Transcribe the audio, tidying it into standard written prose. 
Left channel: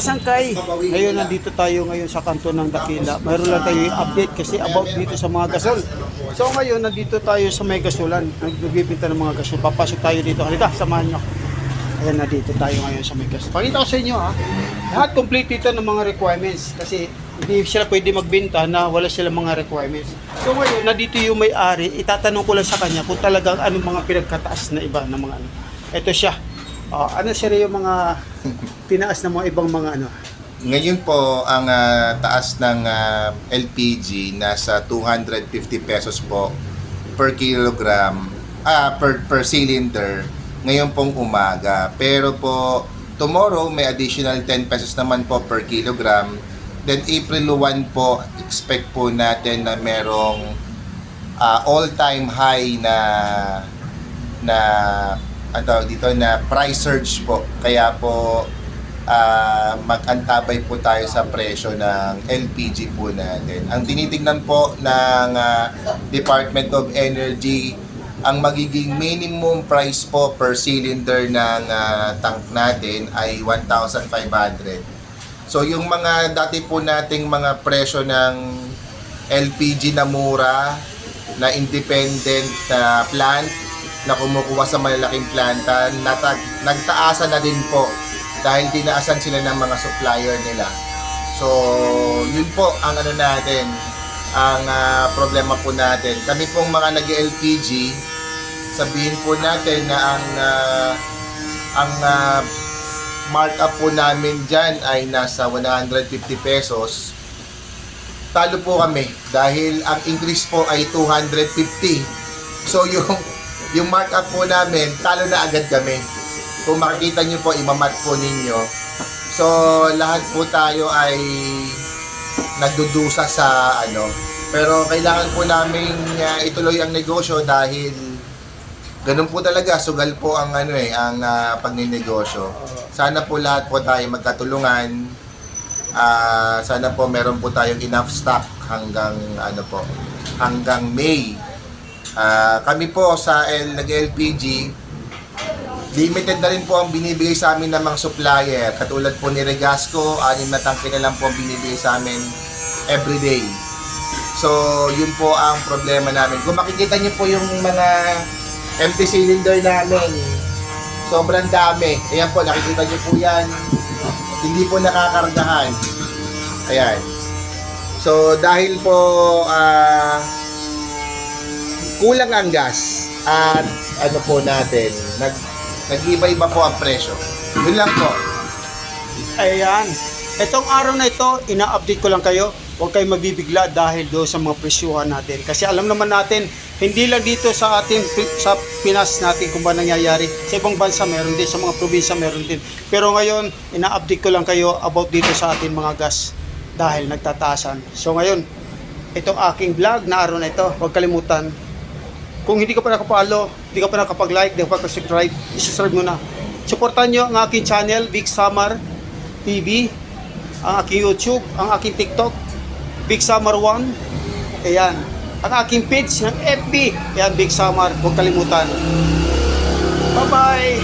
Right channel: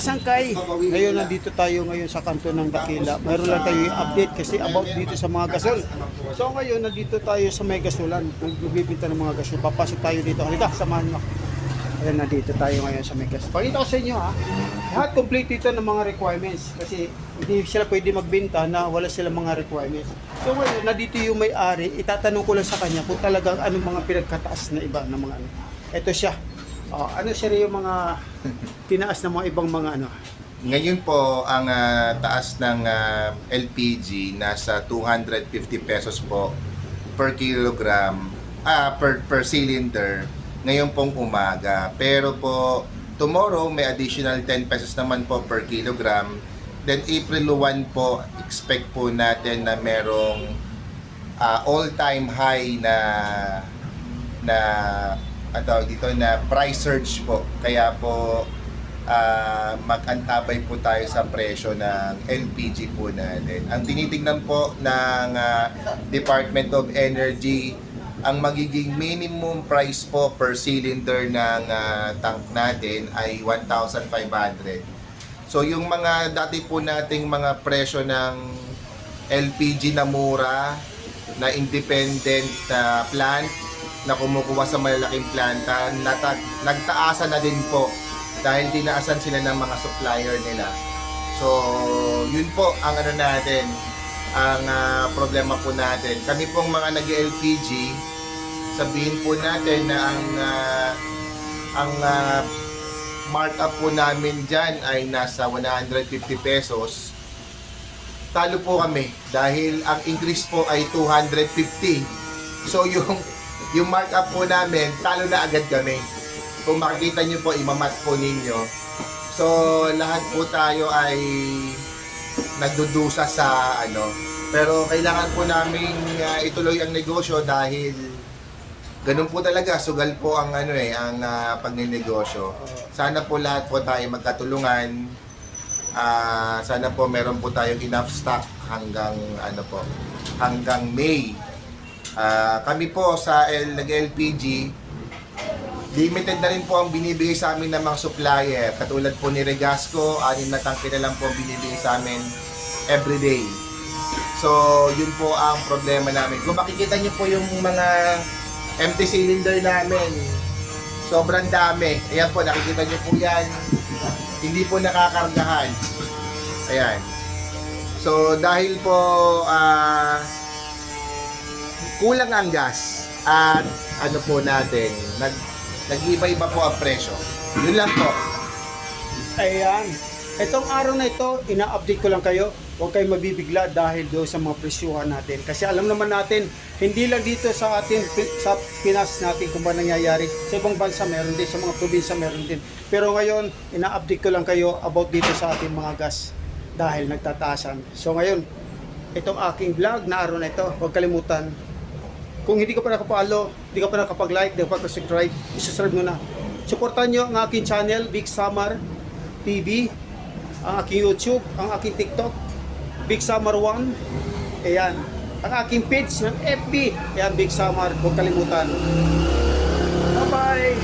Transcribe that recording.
kasangkay, ngayon nandito tayo ngayon sa kanto ng Dakila. Mayroon lang tayo update kasi about dito sa mga gasol. So ngayon nandito tayo sa may gasulan, nagbibinta ng mga gasol. Papasok tayo dito. Halika, samahan nyo. Ayan, nandito tayo ngayon sa may gasol. Pakita ko sa inyo ha, lahat complete dito ng mga requirements kasi hindi sila pwede magbenta na wala silang mga requirements. So ngayon, nandito yung may-ari, itatanong ko lang sa kanya kung talagang anong mga pinagkataas na iba ng mga ano. Ito siya. Ano sila yung mga tinaas ng mga ibang mga ano? Ngayon po, ang taas ng LPG nasa 250 pesos po per kilogram, per cylinder, ngayon pong umaga. Pero po, tomorrow may additional 10 pesos naman po per kilogram. Then April 1 po, expect po natin na merong all-time high dito na price surge po. Kaya po mag-antabay po tayo sa presyo ng LPG po natin. Ang tinitingnan po ng Department of Energy, ang magiging minimum price po per cylinder ng tank natin ay 1,500. So yung mga dati po nating mga presyo ng LPG na mura, na independent na plant, na kumukuha sa malalaking planta, nagtaasan na din po dahil dinaasan sila ng mga supplier nila. So, yun po ang ano natin, ang problema po natin. Kami pong mga nag-LPG, sabihin po natin na ang markup po namin dyan ay nasa 150 pesos. Talo po kami dahil ang increase po ay 250. So, yung markup po namin, talo na agad kami. Kung makikita nyo po, imamat po ninyo. So, lahat po tayo ay nagdudusa sa ano. Pero kailangan po namin ituloy ang negosyo dahil ganun po talaga, sugal po ang ang pagninegosyo. Sana po lahat po tayo magkatulungan. Sana po meron po tayong enough stock hanggang hanggang May. Kami po sa nag-LPG, limited na rin po ang binibigay sa amin ng mga supplier. Katulad po ni Regasco, 6 na tangke na lang po ang binibigay sa amin everyday. So, yun po ang problema namin. Kung makikita niyo po yung mga empty cylinder namin, sobrang dami. Ayan po, nakikita niyo po yan. Hindi po nakakargahan. Ayan. So, dahil po kulang ang gas at ano po natin, nag-iba-iba po ang presyo. Yun lang po. Ayan. Itong araw na ito, ina-update ko lang kayo. Huwag kayong magbibigla dahil doon sa mga presyuhan natin. Kasi alam naman natin, hindi lang dito sa atin, sa Pinas natin kung ba nangyayari. Sa ibang bansa meron din, sa mga probinsya meron din. Pero ngayon, ina-update ko lang kayo about dito sa atin mga gas dahil nagtataasan. So ngayon, itong aking vlog na araw na ito, huwag kalimutan. Kung hindi ka pa nakapalo, hindi ka pa nakapag-like, hindi ka pa nakapag-subscribe, isi-subscribe mo na. Supportan nyo ang aking channel, Big Summer TV, ang aking YouTube, ang aking TikTok, Big Summer 1. Ayan. Ang aking page ng FB, ayan, Big Summer. Huwag kalimutan. Bye-bye!